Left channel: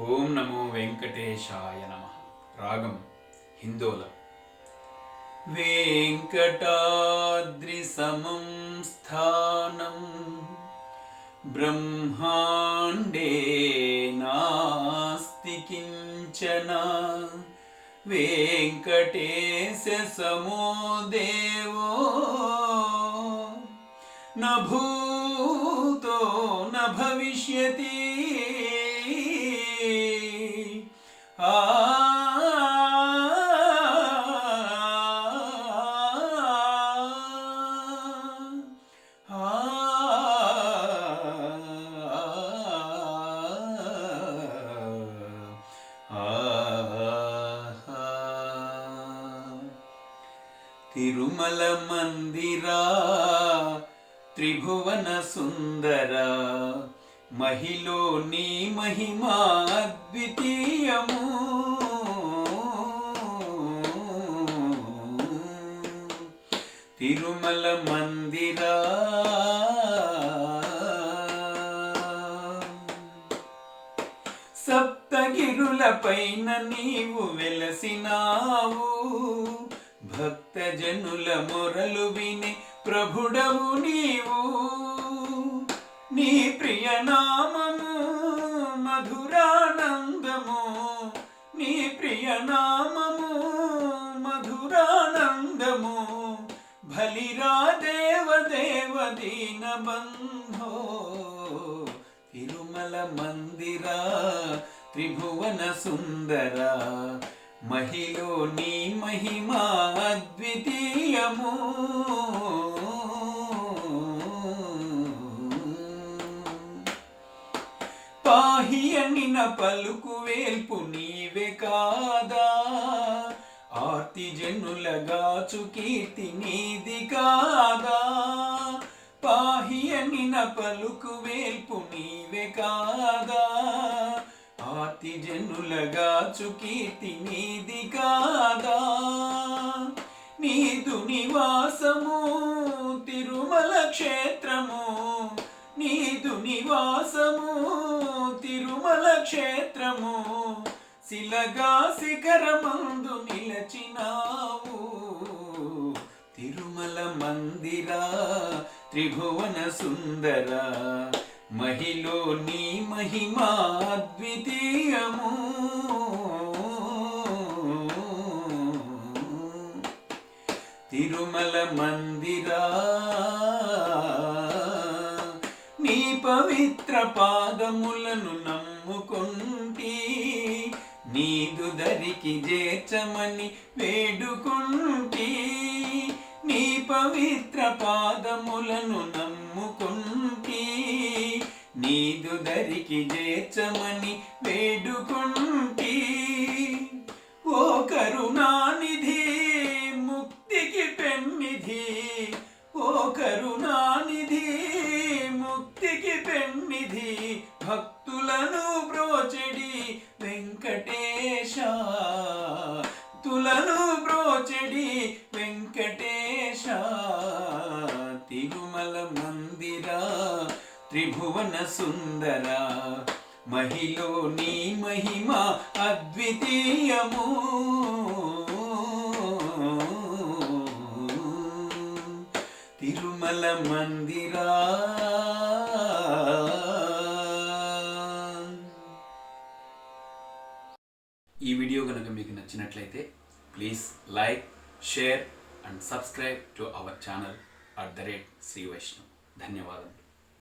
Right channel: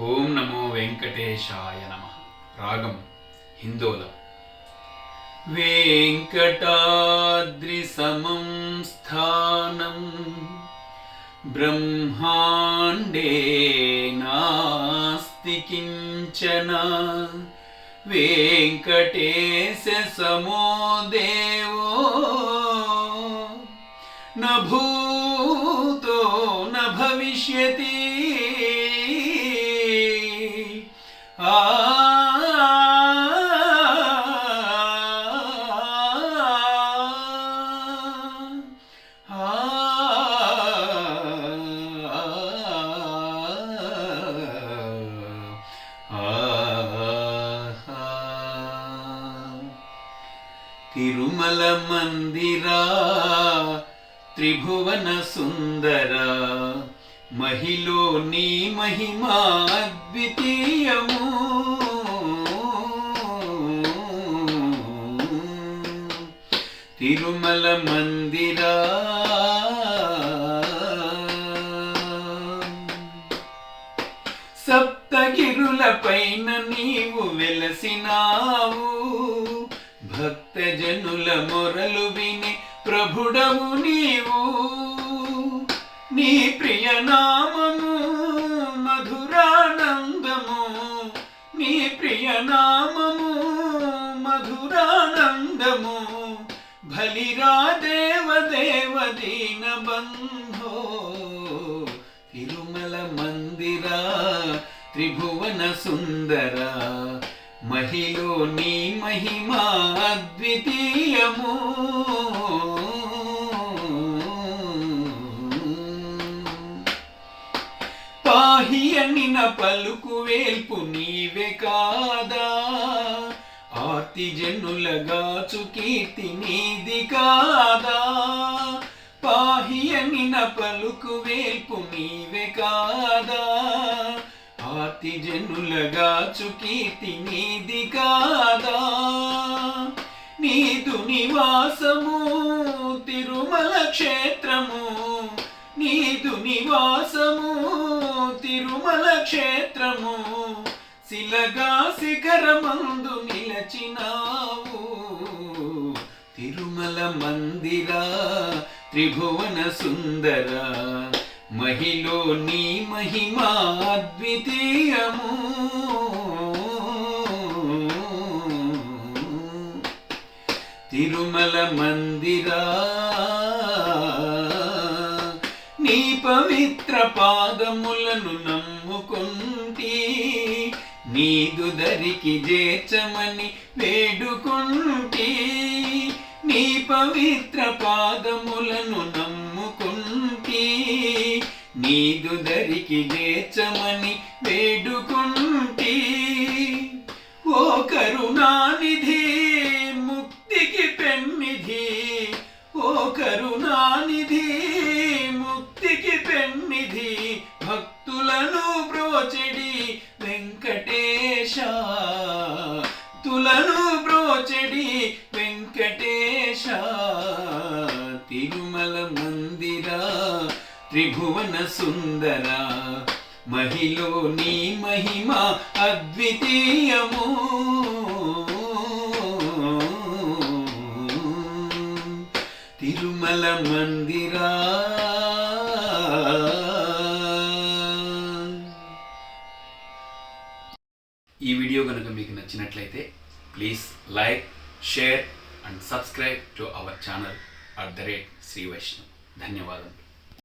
ఓం నమో వెంకటేశాయ నమ. రాగం హిందోల. వెంకటాద్రి సమం స్థానం బ్రహ్మాండే నాస్తి కించన. వెంకటేశ సమో దేవో నభూ తిరుమల మందిరా త్రిభువన సుందరా. మహిలో నీ మహిమా అద్వితీయము తిరుమల మందిరా. సప్తగిరులపైన నీవు వెలసినావు. భక్తజనుల మొరలు విని ప్రభుడవు నీవు. నీ ప్రియనామము మధురానందము. నీ ప్రియనామము మధురానందము. బలిరా దేవ దేవ దీన బంధో. తిరుమల మందిరా త్రిభువన సుందర. మహిలో నీ మహిమా అద్వితీయము. పాహియనిన పలుకు వేల్పు నీవే కాదా? ఆర్తి జనులగాచు కీర్తి నీది కాదా? పాహియనిన పలుకు వేల్పు నీవే కాదా? ఆర్తి జనులగాచు కీర్తి నీది కాదా? నీదు నివాసము తిరుమల క్షేత్రము నీదు నివాసము తిరుమల క్షేత్రము శిలగా శిఖరమందు నిలచినావు. తిరుమల మందిరా త్రిభువన సుందర మహిలో నీ మహిమా అద్వితీయము తిరుమల మందిరా పాదములను నమ్ముకుంటి నీదు దరికి చేర్చమని వేడుకుంటి నీ పవిత్ర పాదములను నమ్ముకుంటి నీదు దరికి చేర్చమని వేడుకుంటి. ఓ కరుణానిధి ముక్తికి పెన్నిధి ఓ కరుణా ముక్తికి పెన్నిధి భక్తులను బ్రోచెడి వెంకటేశ. తులను బ్రోచెడి వెంకటేశ. తిరుమల మందిరా త్రిభువన సుందర. మహిలో నీ మహిమ అద్వితీయము. తిరుమల మందిరా నచ్చినట్లయితే please like share and subscribe to our channel at the rate Shri Vaishnav. ధన్యవాదములు.